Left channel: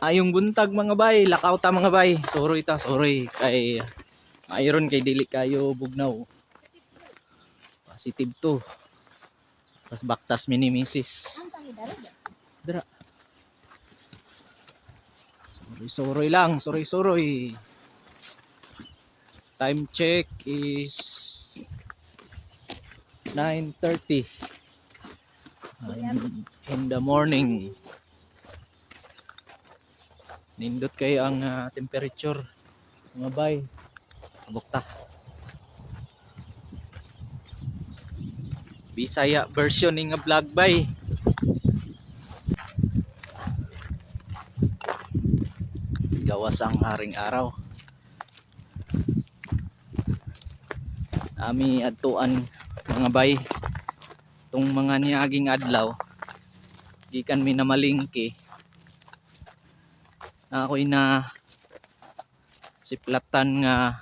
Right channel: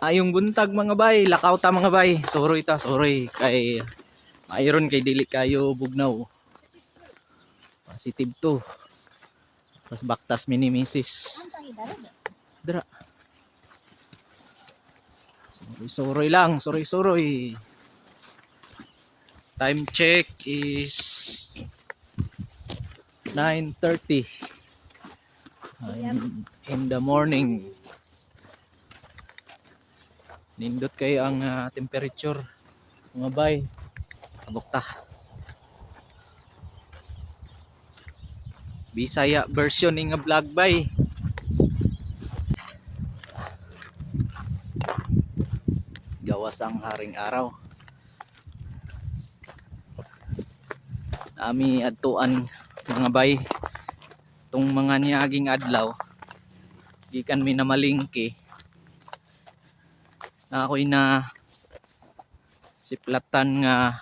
Ayong buntag mga bay, lakaw ta mga bay. Sorry ta, sorry kay mayroon kay dili kayo bugnaw. Positive to. Tapos baktas minimisis. Dara. Sorry lang, sorry. Time check is 9:30 in the morning. Nindot kayo ang temperature mga bay. Kabukta. Bisaya version ng vlog bay. Gawas ang haring araw. Ami adtuan mga bay. Tung mga niaging adlaw. Gikan mi na malingki. Na ako'y na siplatan nga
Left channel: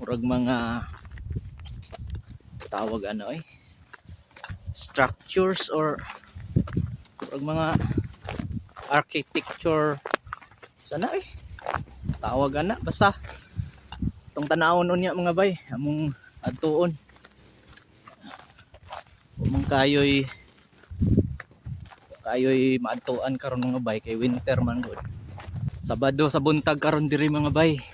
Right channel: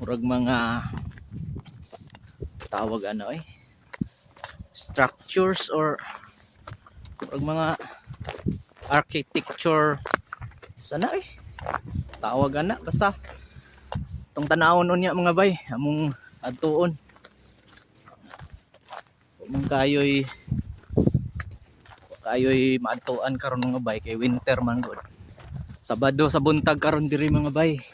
murag mga tawag structures or murag mga architecture sana tawag basta tong tanawon unya mga bay among adtuon mong kayoy maadtuan karon mga bay kay winter man gud. Sabado sa buntag karon diri mga bay.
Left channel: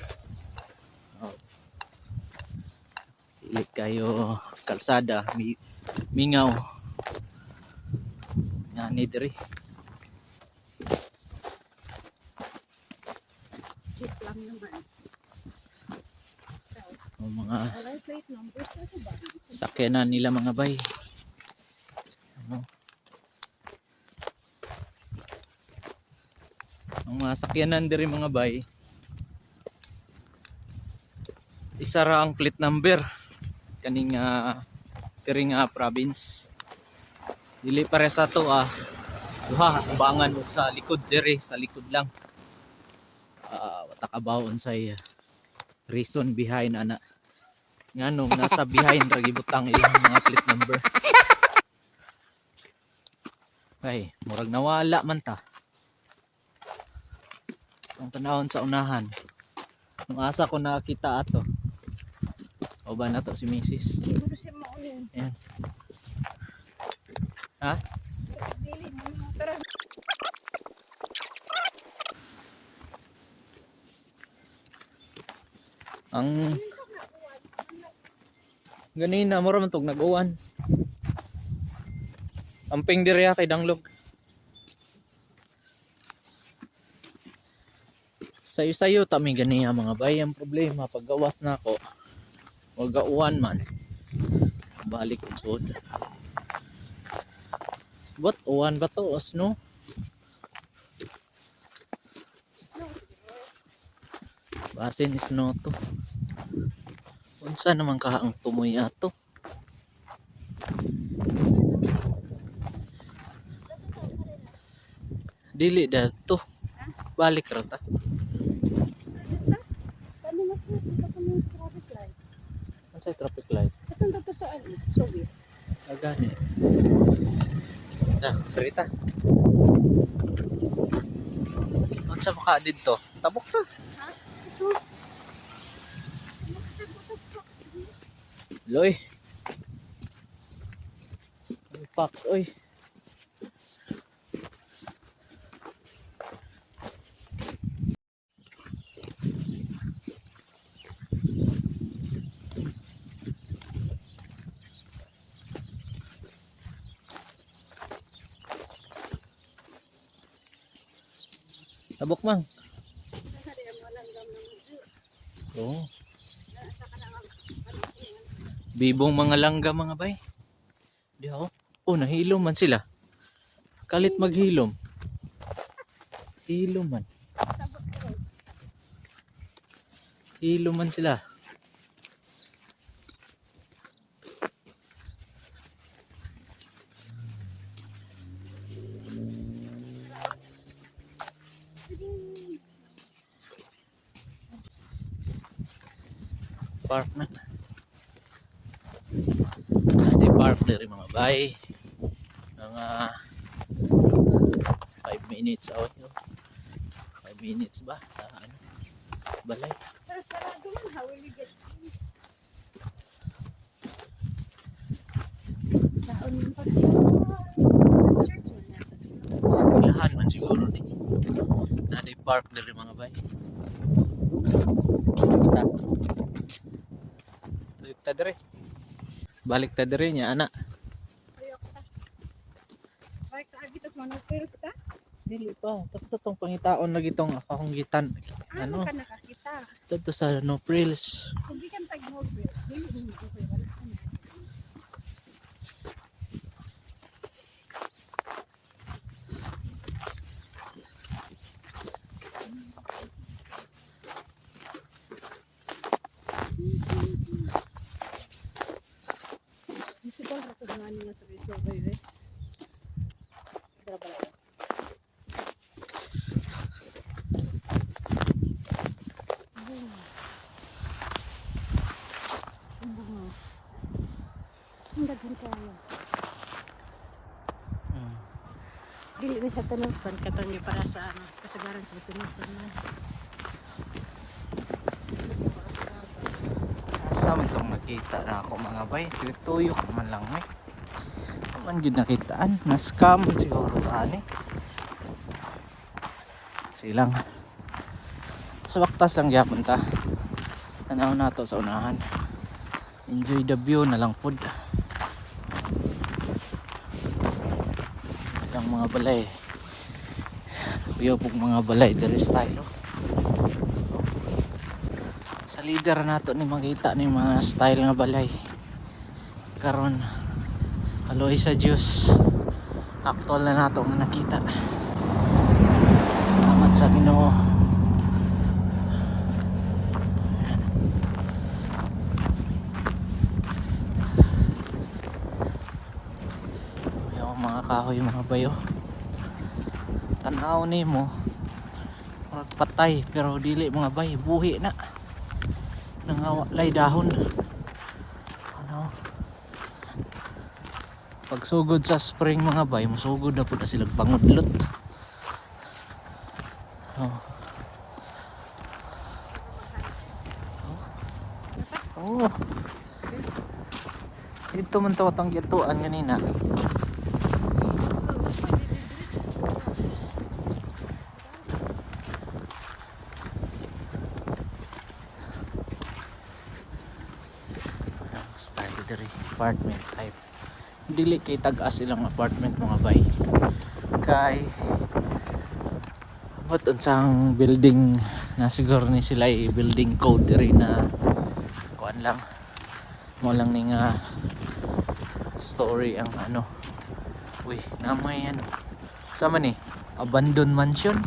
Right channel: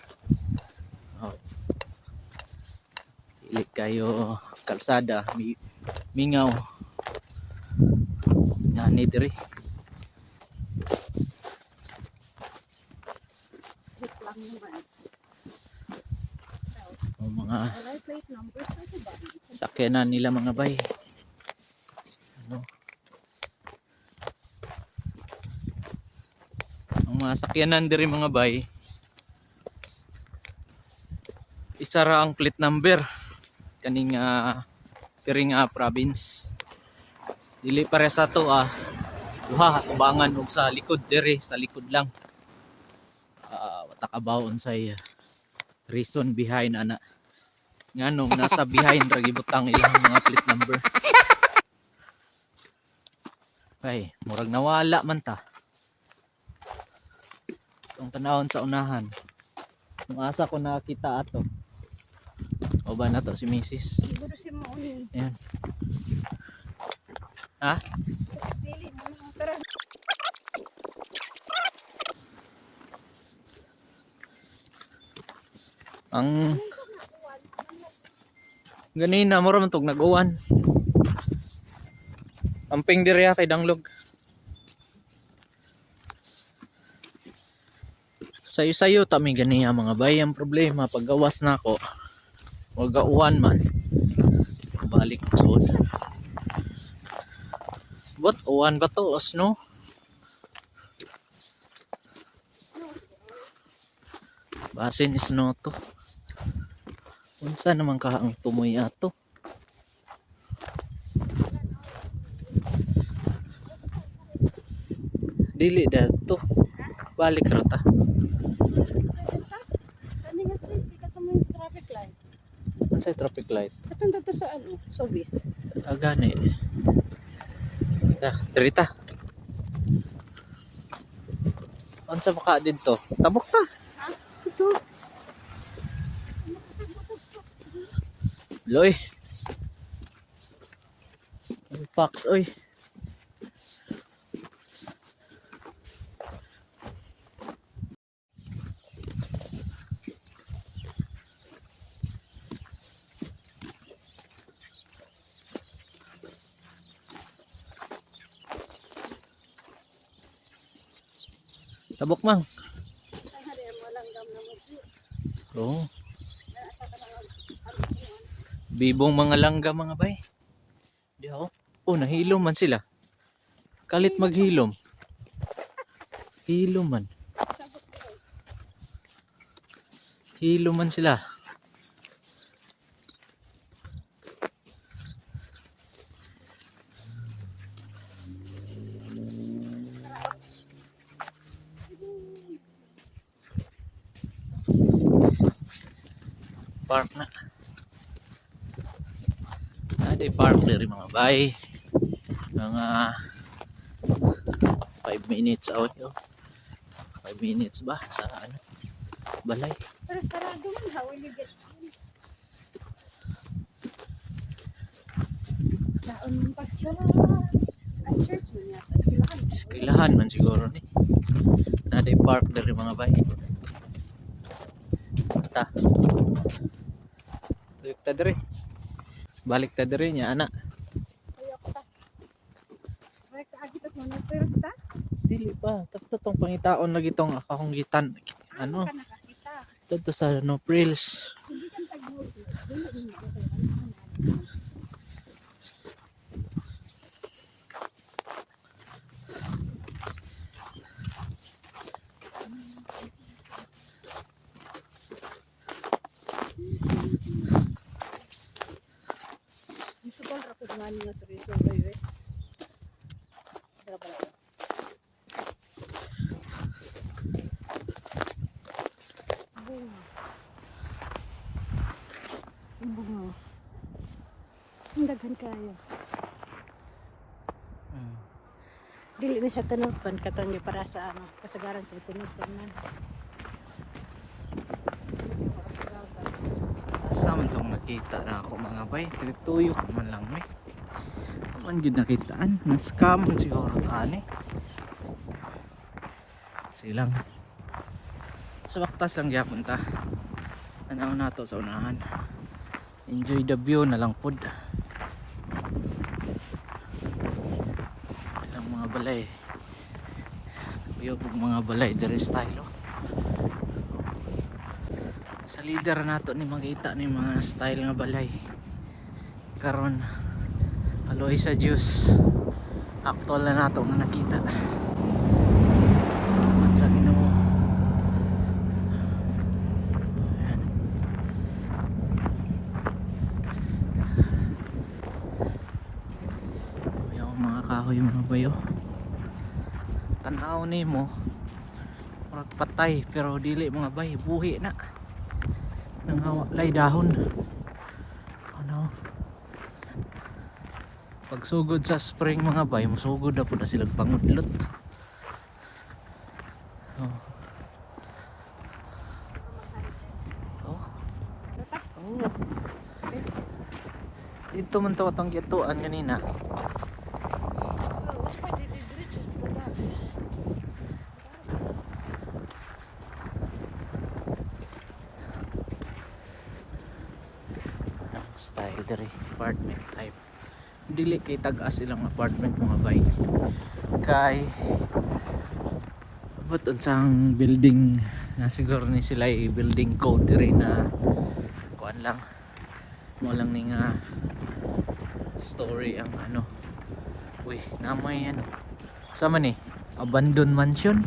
Dili kayo kalsada mingaw. Nani diri. Mga sakyanan nila mga bay. Ang mga sakyanan diri mga bay isa ra ang plate number kaning diri nga province. Dili pare sa to duha hatubangan og sa likod diri sa likod lang. Watakabawon say reason behind ana. Nganong nasa behind ra gibutang ilang mga plate number. Ay, murag nawala man ta. Ang tanawon sa unahan. Nung asa ko nakita ato. O ba na to si Mrs. Siguro si Mauni. Ayan. Ha? Dili mo nang tara. Ang ganina mo man tog nag-uwan. Amping diri kay danglog. Sayo-sayo tami ganiya mga bay. Ang problema paggawas na ako wag gauwan man balik ko sud but uwan ba to no basin is no to unsa naman ka ang tumoy ato dili dato balik ra ta. Sa traffic light. Katong dito sa service. Gani. Trita. Unsa maka didto? Tabok ta. Ha? Ito. Loy. Fox oy. Tabok mang. Oh. Bibong mga langga mga bay. Di ako. Oh, nahilom man sila. Kalit maghilom. Hilom man. Hilom man sila. Park na. Di park diri mga bay. Mga 5 minutes away. 5 minutes ba sa ano, balay. Pero sarado man ha, wala gan. Saan yung pagsama? Church man yata. Eskwelahan man siguro ni. Naday park dari mga bay. Ta. Balik ta dire. Balik ta dire nya ana. Ayok ta. Balik ta agitas mo na pero sta? Dili pa, tapos tong pangitaon lagi tong akahunggitan. Ano? Ka nakakita. Dito sa no frills. Hindi kan tagmo. Dili ko wala na. Gusto ko rapod nga nga sa resolve eh. Bala. Boom. Boom. Ang daghan kayo. Dili na siya tanutan katong para sa ano, kasabaran pag tanutan na. Asam tong nakita na ako mga bay. Tuyok man lang eh. Man gid nakitaan, na scam siguro taani. Silang. Sa waktas lang gyapon ta. Tanaw nato sa unahan. Enjoy the view na lang pod. Ang mga balay. View pug mga balay diri style. Sa leader nato ni makita ni mga style nga balay. Karon aloy sa juice. Actual na nato nga nakita. Salamat sa Ginoo. Yung mga kahoy mga bayo. Tanaw ni mo. Murag patay pero dili mga bay, buhi na. Nangawalay dahon. Ano? Pagsugod sa spring mga bay, masugod na po na silang pangudlot. Oh. Oh. Oh. Ito man to atong gituan kanina. Style diri apartment type. Dili kay tag-as ilang apartment mga bay. Kay but unsang building na siguro ni sila building code diri na kuan lang. Mo lang ning story ang ano. Uy, namay ano. Sama ni abandoned mansion.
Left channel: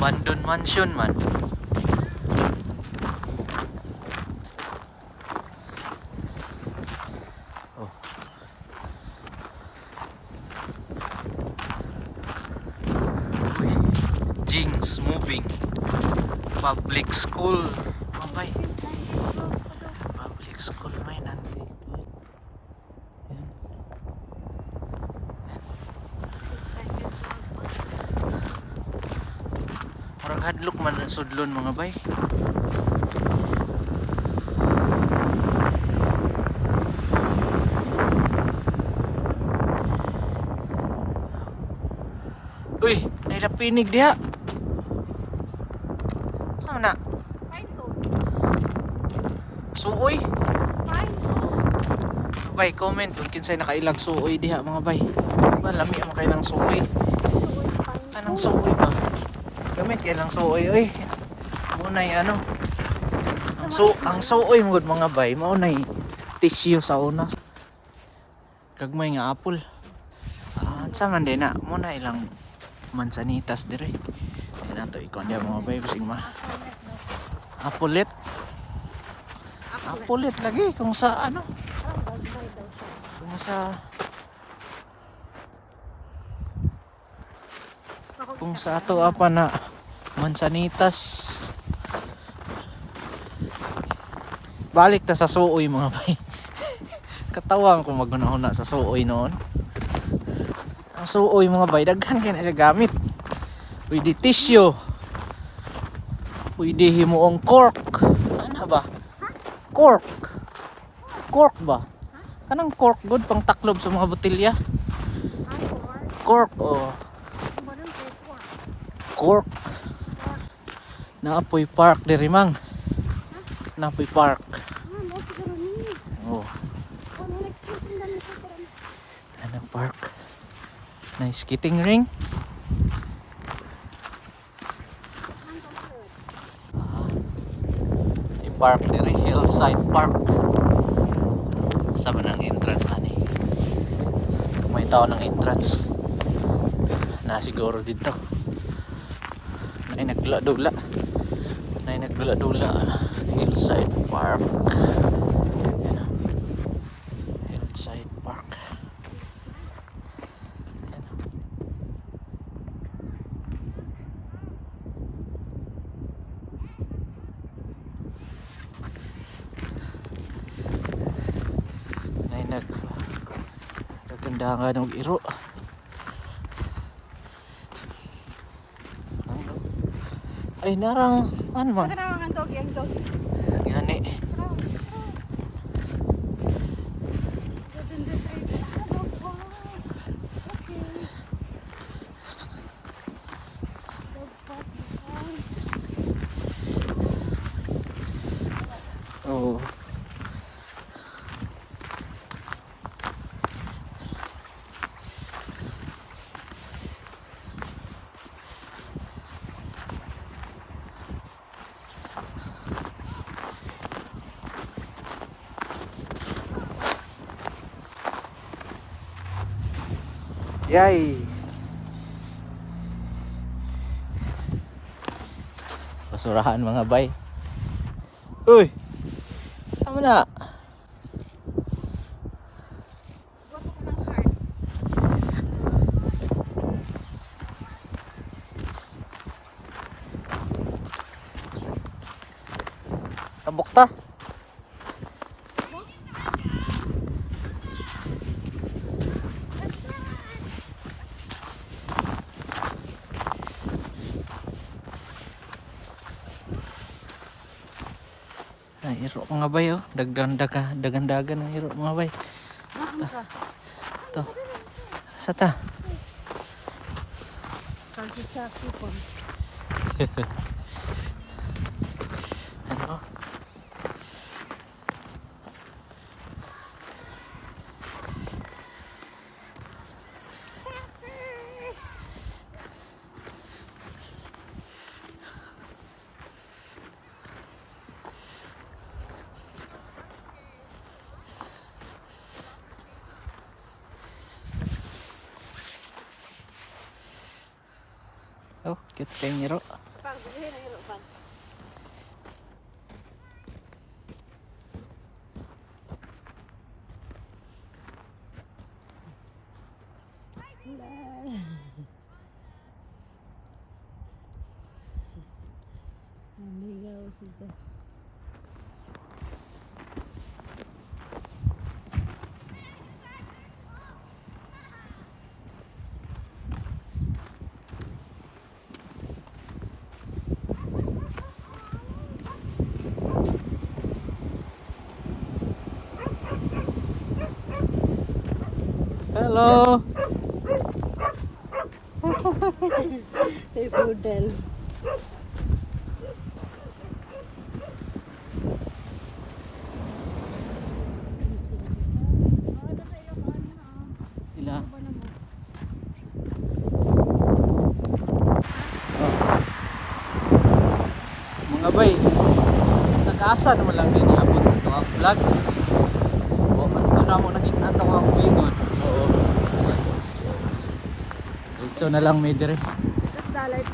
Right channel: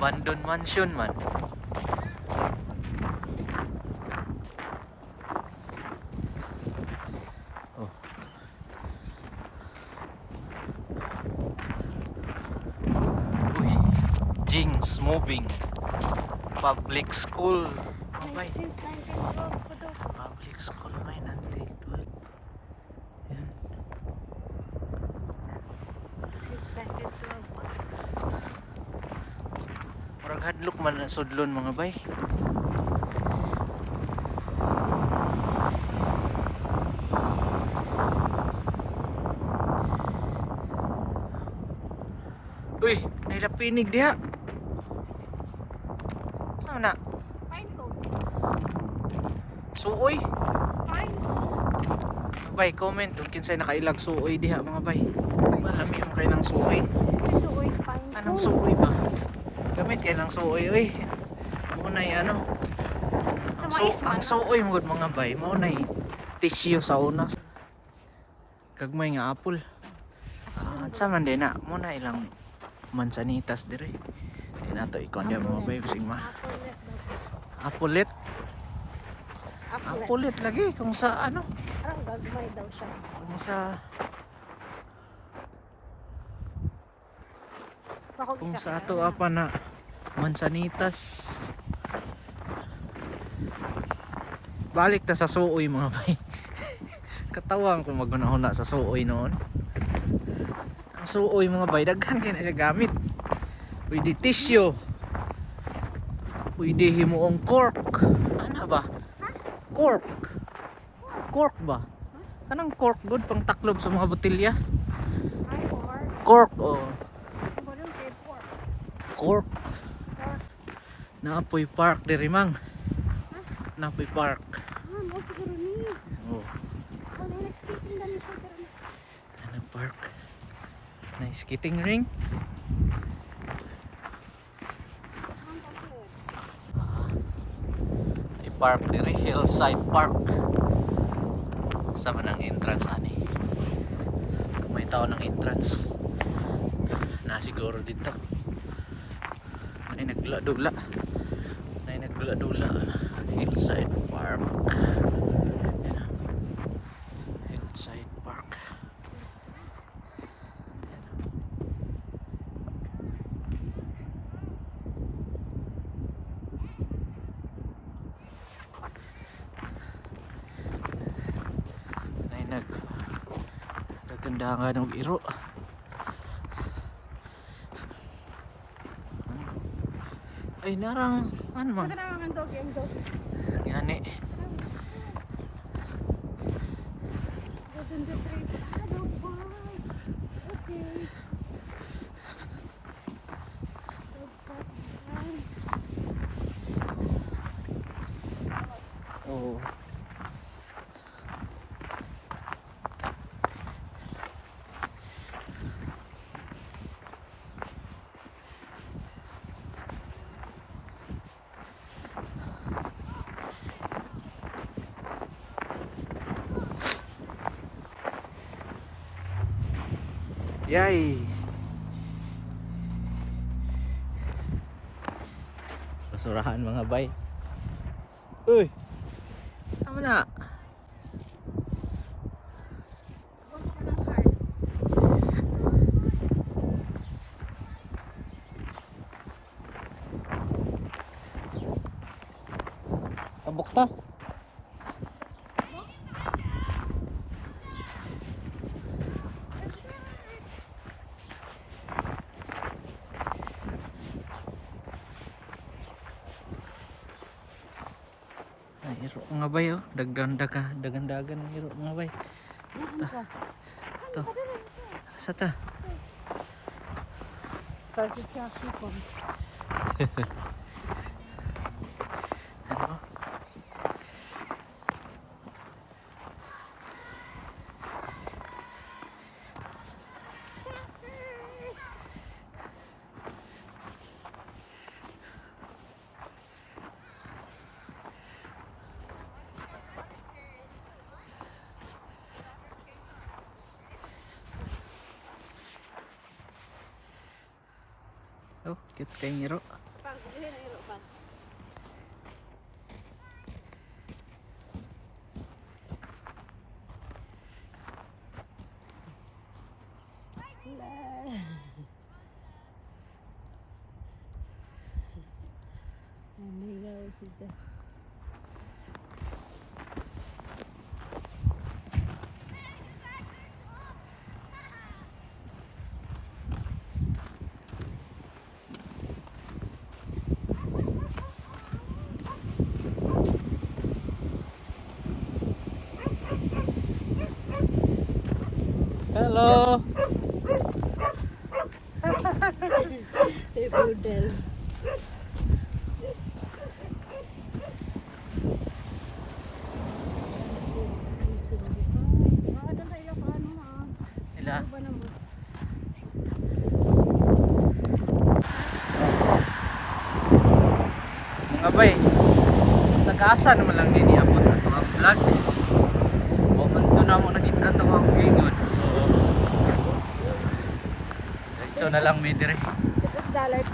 Abandoned mansion man. Oh. Uy. Jinx moving. Public school. Mabay. Public school may nanti. Yan. Murag hadlok man ang sudlon mga bay. Uy, nailapinig diha. Saan na? Fine code. Suoy. Fine code. Bay, comment kung kinsay nakailag suoy diha mga bay. Ba lami ang kailang suoy. Anong suoy ba? Gamit kay lang suoy oy. Munay ano? Ang suoy mo mga bay, mao nay tissue sa una. Kagmay nga apple. Sa man din na muna ilang mansanitas dire. Di na to ikon dia mga bay bising ma. Apulit. Apulit lagi kung sa ano? Kung sa ato apa na Mansanitas. Balik ta sa suoy mga bay. Katawan ko magunahuna sa suoy noon. Ang suoy mga bay, daghan kaya na siya gamit. Pwede tissue. Pwede himuong cork. Ano ba? Cork. Cork ba? Kanang cork good pang taklob sa mga botelya. Cork oh. Cork. Naapoy park diri mang. Naapoy park. Oh. Ano park? Na skating ring. Ay park diri, Hillside Park. Sa manang entrance ani. May tao ng entrance. Na siguro dito. Ay nagdula-dula. Ay nagdula-dula. Hillside Park. Ayan. Hillside Park. Ay nagkandangan ng iro. Ay narang ano man gani oh. Yay! Basurahan mga bay. Uy! Sama na? Tabok ta? Ay, iro mga bay oh. Dagan-dagan ang iro mga bay. To. Asa ta? Kasi sa sipon. Ano? Oh, cute kayong iro. Naligaw siya. Hello! Hey, Budel. Ila. Mga bay, sa kaasa naman lang din iabot na ito ang vlog. Bukan ko na mo nakita ito ang bigon. So na lang may dire.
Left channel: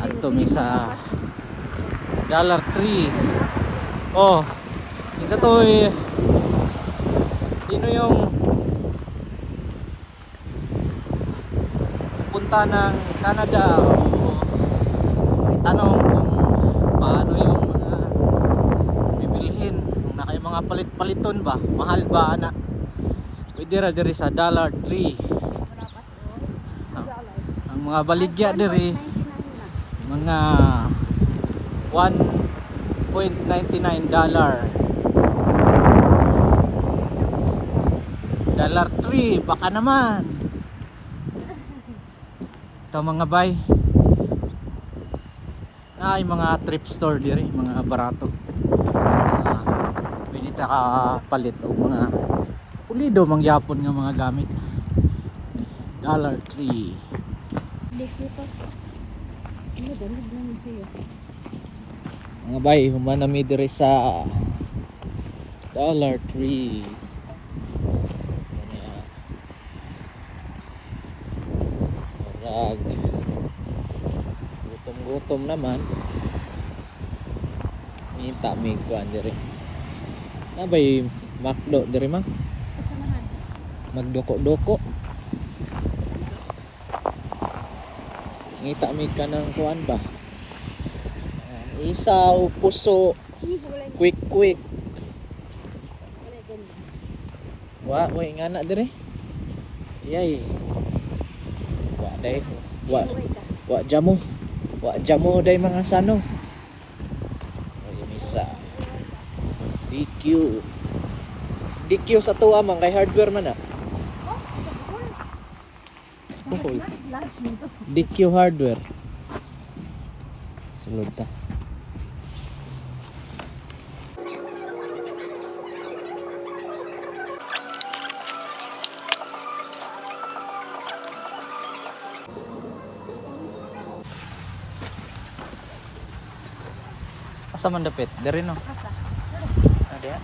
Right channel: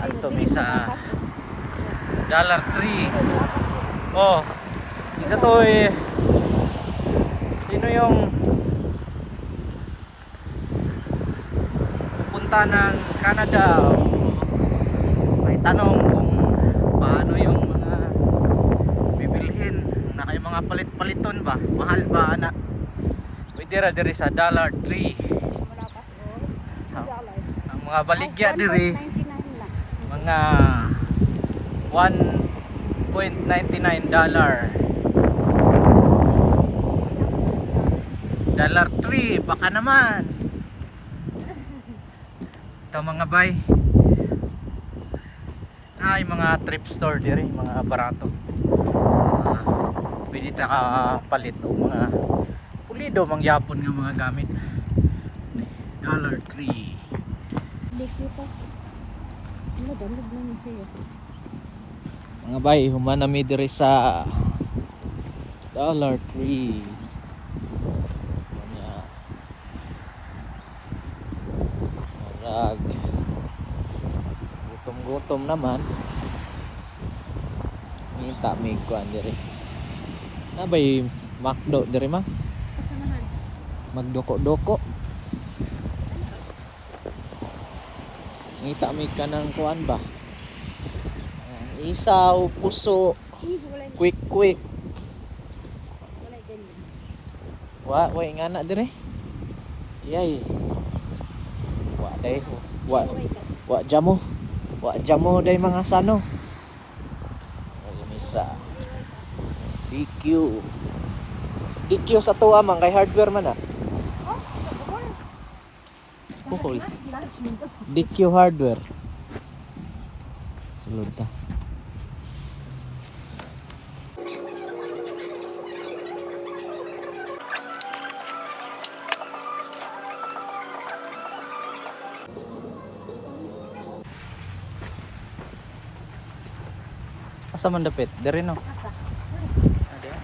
Ito may sa $3. Oh, isa to eh. Sino yung punta ng Canada? May tanong kung ba ana? Pwede ra diri sa dollar tree. Ang mga baligya diri mga $1.99 dollar tree baka naman ito mga bay ay mga thrift store diri mga barato pwede taka palit mga pulido mangyapon nga mga gamit dollar tree Hindi ko pa. Ano, damig naman siya. mga bay humanami diri sa dollar tree. Marag gutom naman minta mig kuan diri nabay makdo diri mang Kasanahan. magdoko-doko ngita mig ka ng kuan ba isaw puso Wala quick ganyan. wa ingana diri yay wa day wa jamo day mga sano misa DQ sa tuwa man kay hardware man na buhol DQ hardware sulod ta asa man dapit diri no Asa? ada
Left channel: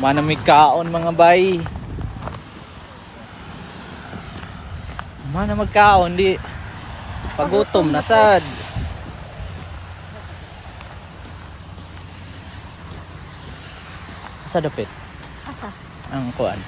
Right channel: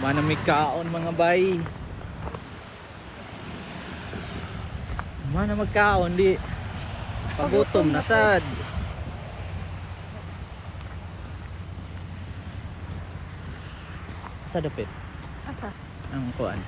manamig kaon mga bay mana magkaon di pagutom na sad sa dapit Asa? ang kuan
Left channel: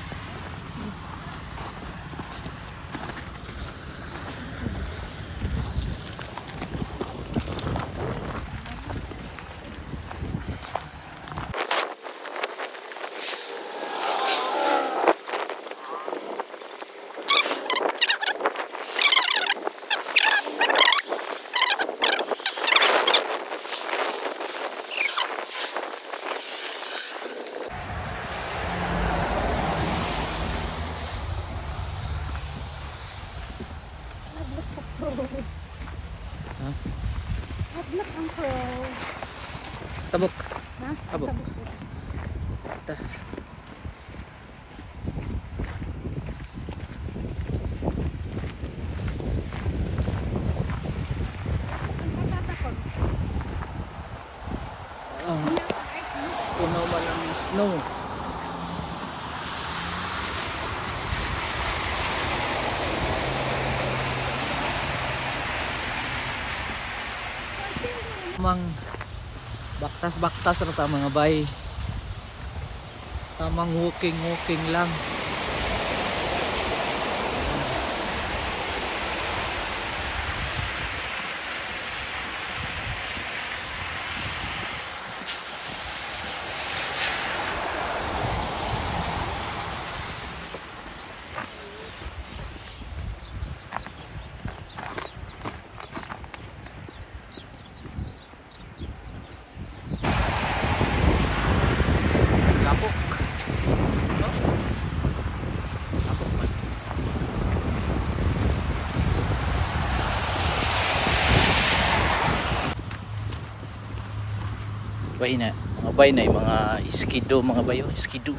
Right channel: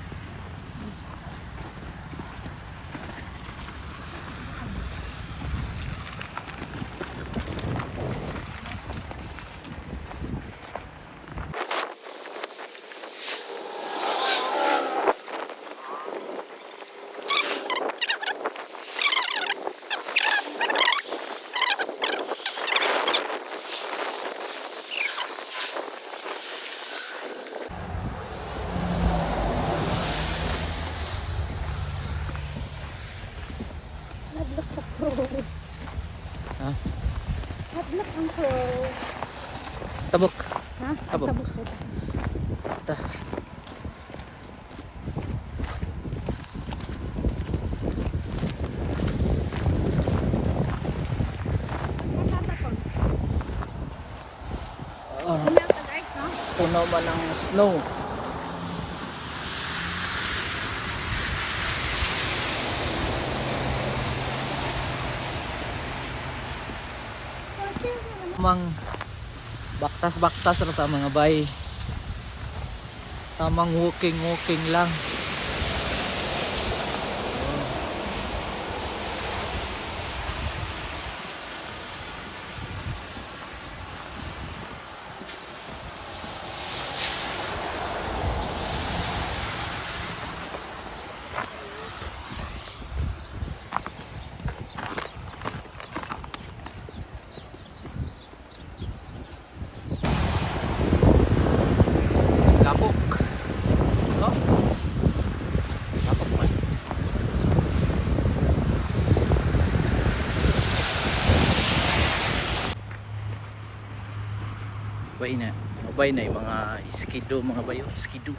ha tabok Ha? Tabok. ta puno man ang snow mang baktas-baktas rata mga bay tamang walking lang kapok no kapok man bay na mga bay na yung mga iskido mga bayo iskido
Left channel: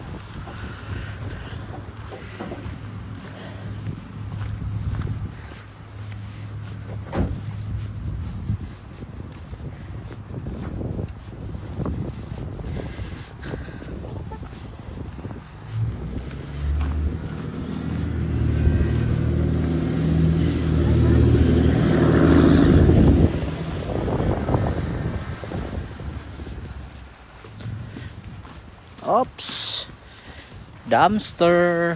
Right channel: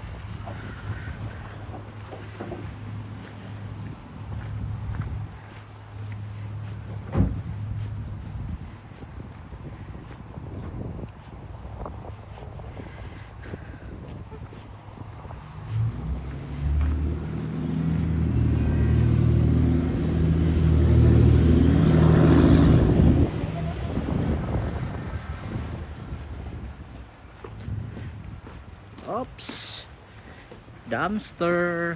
Oops. Dumpster.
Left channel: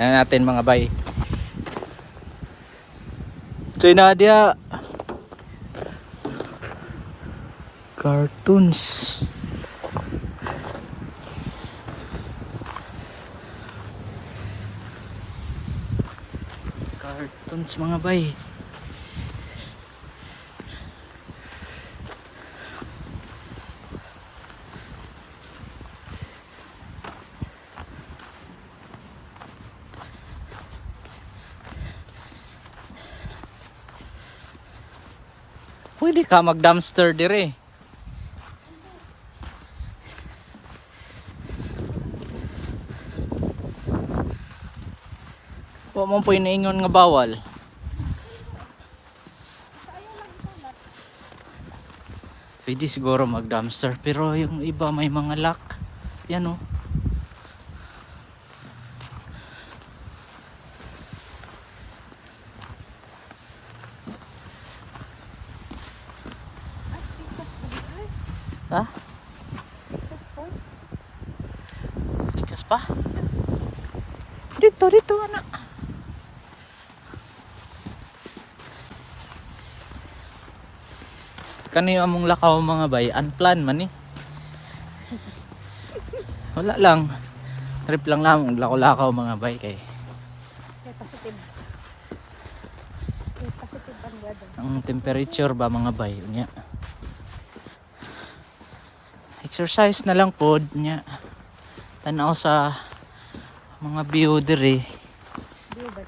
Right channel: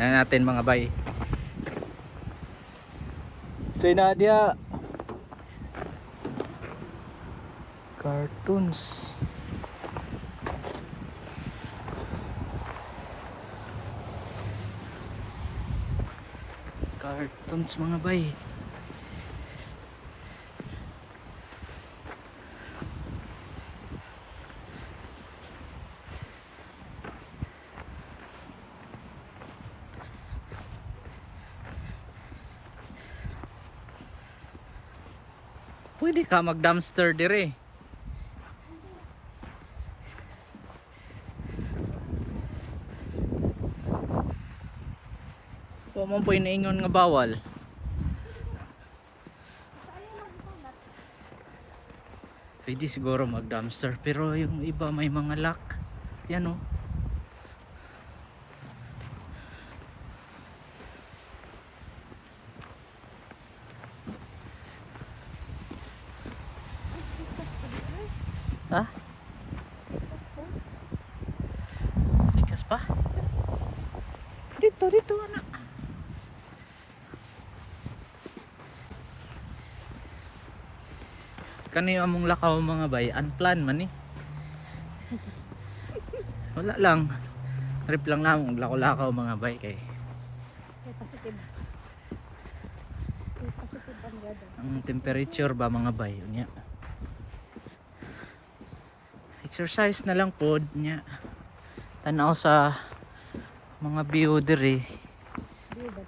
Yan natin mga bay. So Nadia. Cartoons. Cartoons mga bay. Pwede ka mag-dumpster dire. Huwag mo po iniingon nga bawal. Pwede siguro mag-dumpster pero yung iba may mga lock. Yan o. Ha? Likas pa? Dito, anak. Kani among lakaw mga bay, unplanned man eh. Wala lang. Trip lang lang lakaw-lakaw mga bay kay. Kaya positive. Kaya positive ang weather. Ang temperature ba mga bay unya. Exercise na lang pod nya. Tanaw sa mga view diri. Di ba?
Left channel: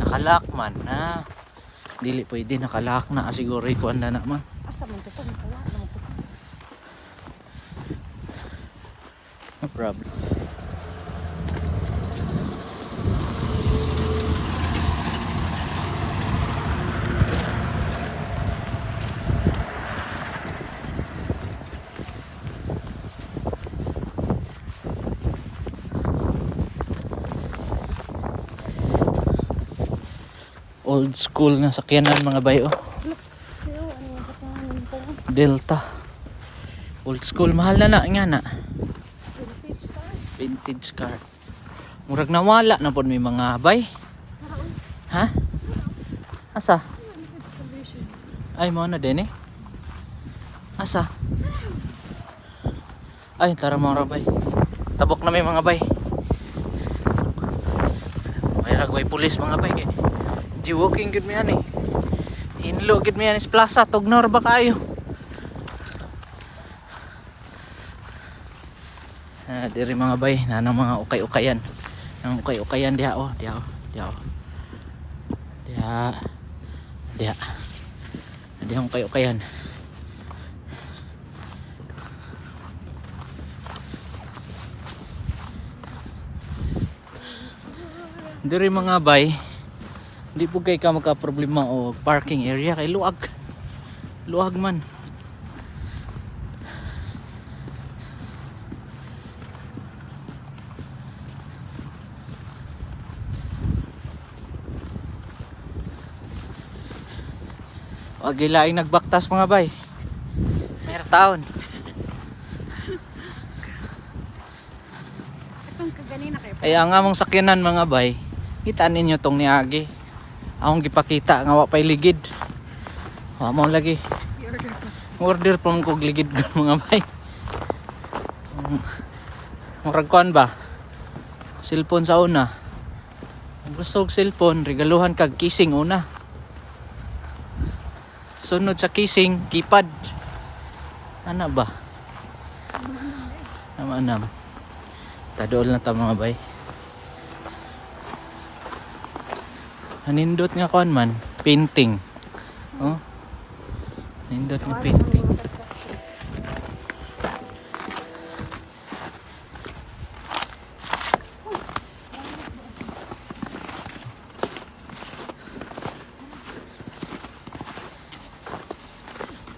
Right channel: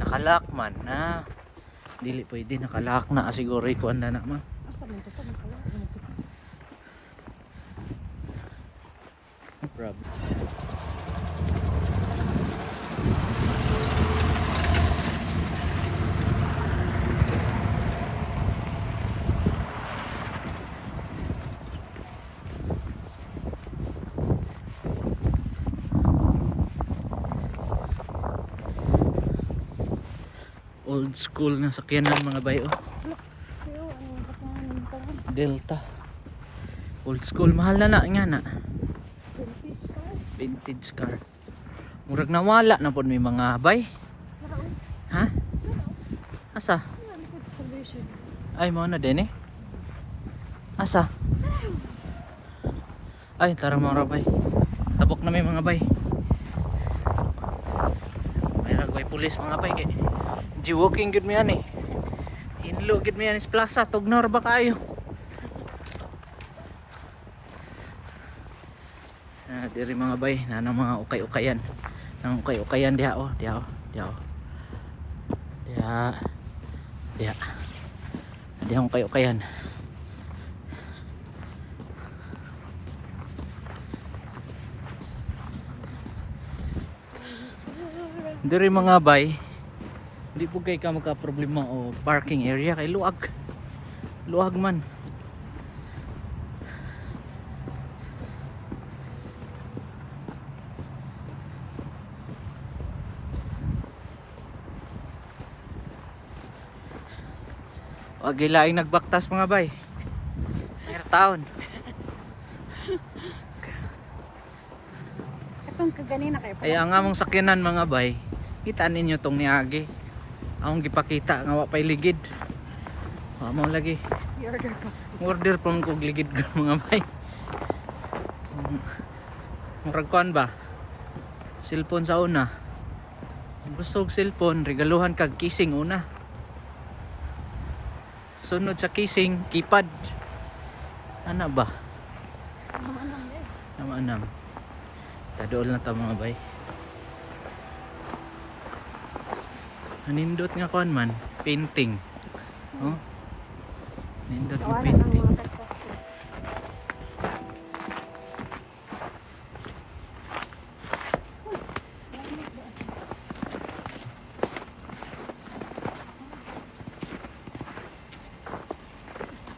Nakalak man na. Dili pwede nakalak na siguro ikuan na naman. Asa man to wala man to. No problem. Old school na sakyanan mga bayo. Delta. Old school mahal na nga na. Vintage car. Murag nawala na po may mga bay. Ha? Asa? Ay mo na din eh. Asa? Ay tara mga bay. Tabok na may mga bay. May lagway pulis mga bay kay. Walking good mo yan eh. Hinlo good mo yan is plaza. Tugnor ba kayo? Diri mga bay. Nanang mga ukay-ukayan. Nang ukay-ukayan diha oh. Diha oh. Diha oh. Diha. Diha. Diha ukay-ukayan. Diri mga bay. Di po kay ka magka-problema o parking area kay luag. Luag man. Wag ilaing nagbaktas mga bay. Mayroon taon. Katong kaganina kay Ay ang among sakyanan mga bay. Kita ninyo tong niagi. Akong gipakita nga wa pay ligid. Wa mo lagi. Order pa mo kog ligid mga bay. Murag kuan ba? Cellphone sa una. Kung gusto og cellphone, regaluhan kag kissing una. Sunod sa kissing, keypad. Ana ba? Naman. Tadool na ta mga bay. Nindot nga kuan man, painting. Oh. Nindot nga painting.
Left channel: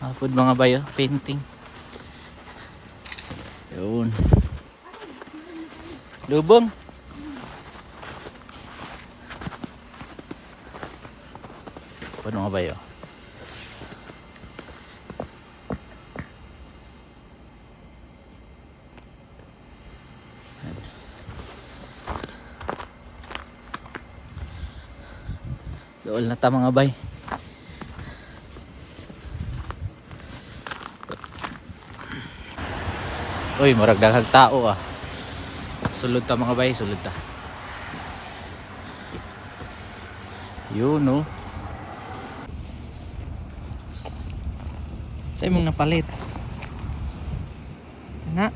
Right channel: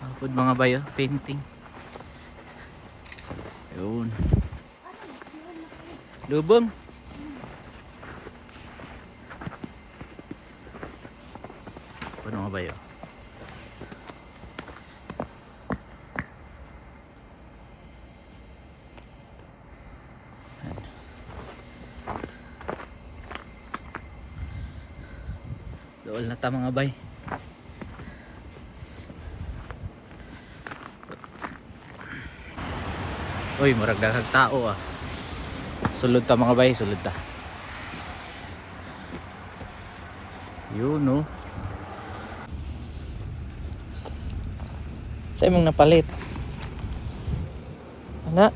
Apod mga bayo, painting. Yun. Lubong. Ano nga bayo? Dool na ta mga bay. Uy, murag daghang tao ah. Sulod ta mga bay, sulod ta. Yun no. Sa imong napalit. Ana?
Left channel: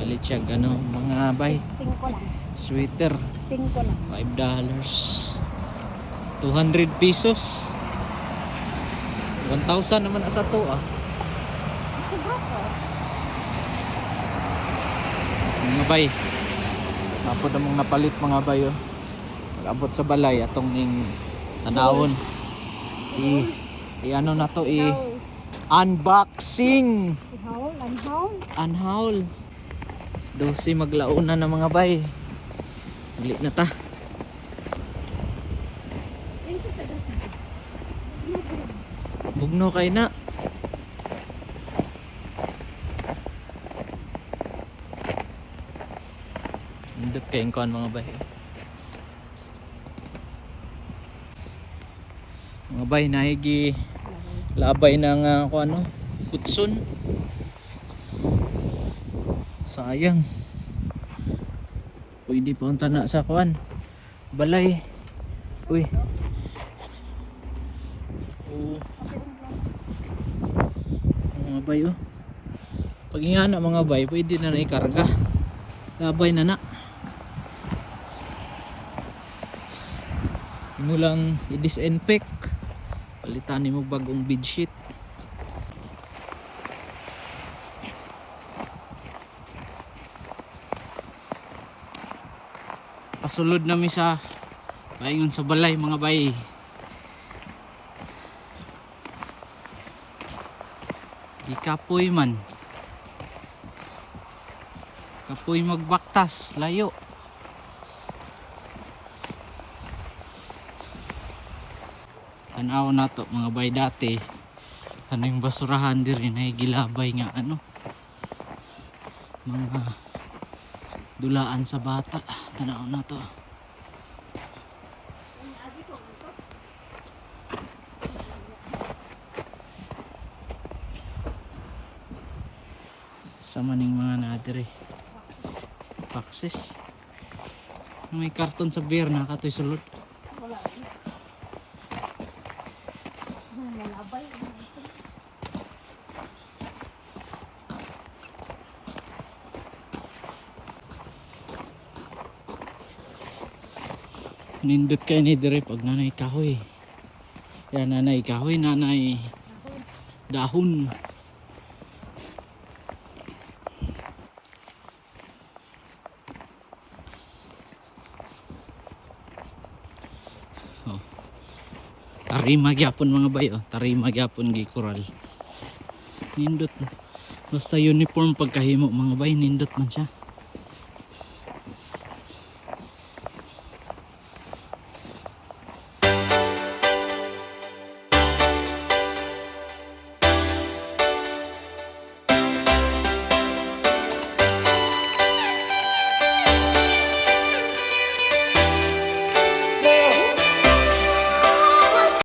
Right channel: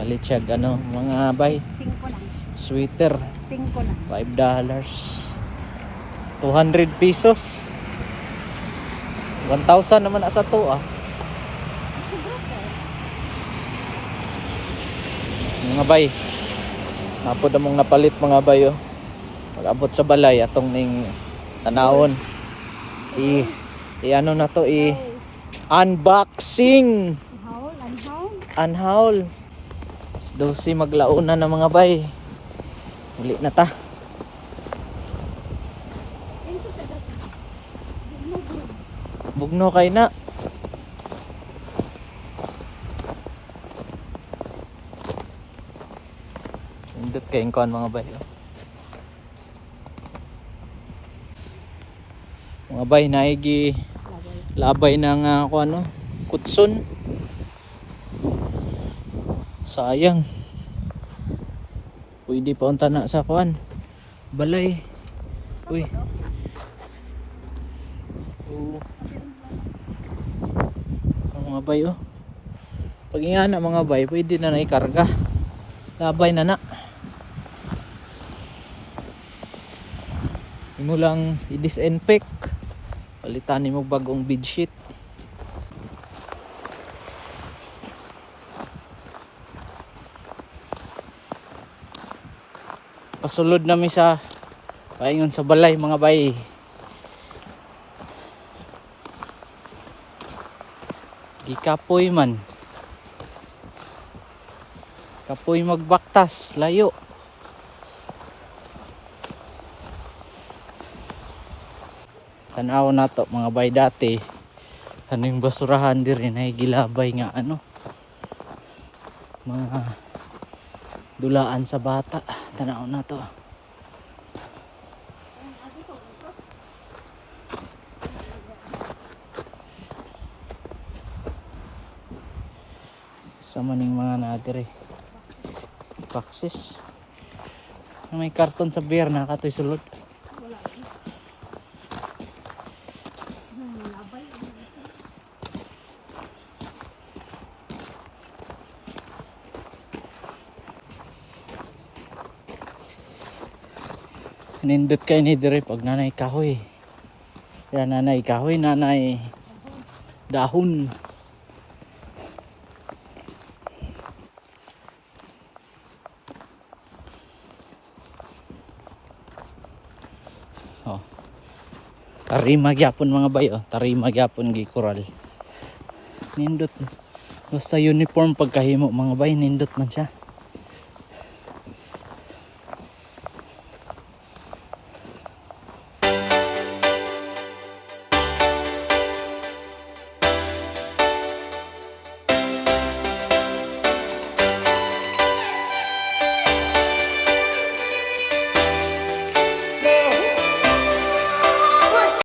Palit siya ano, mga bay. 5 lang. Sweater. 5 lang. $5. 200 pesos. 1,000 naman asa to ah. Siguro ko. Mga bay. Mapod among napalit mga bay oh. Nag-abot sa balay atong ning tanawon. Ano na to unboxing. Unhaul. 12 maglauna na mga bay. Dali na ta. Bugno kay na. Indot kayong kuhan mga bay. Mga bay naigi labay ng kuano kutson. Sayang. Pwede pa unta na sa kuan. Balay. Uy. Oh. Mga bay oh. Pag ingana mga bay, pwede na naikarga. Labay na na. Ano lang i-disinfect. Palitan mo bagong bedsheet. Pasulod namin sa paingon sa balay mga bay. Di kapoy man. Kapoy magbaktas, layo. Tanaw na to mga bay dati. Kaning basurahan diri na gilabay nga ano. Mga dulaan sa bata. Tanaw na to. Sama ning mga nadiri. Paksis. May karton sa beer na katoy sulod. Nindot kay ni dire pag nanay kahoy. Ya nanay kahoy, nanay dahon. Oh. Tarima gyapon mga bay oh, tarima gyapon gi koral. Nindot. Basta uniform pagkahimo mga bay, nindot man siya.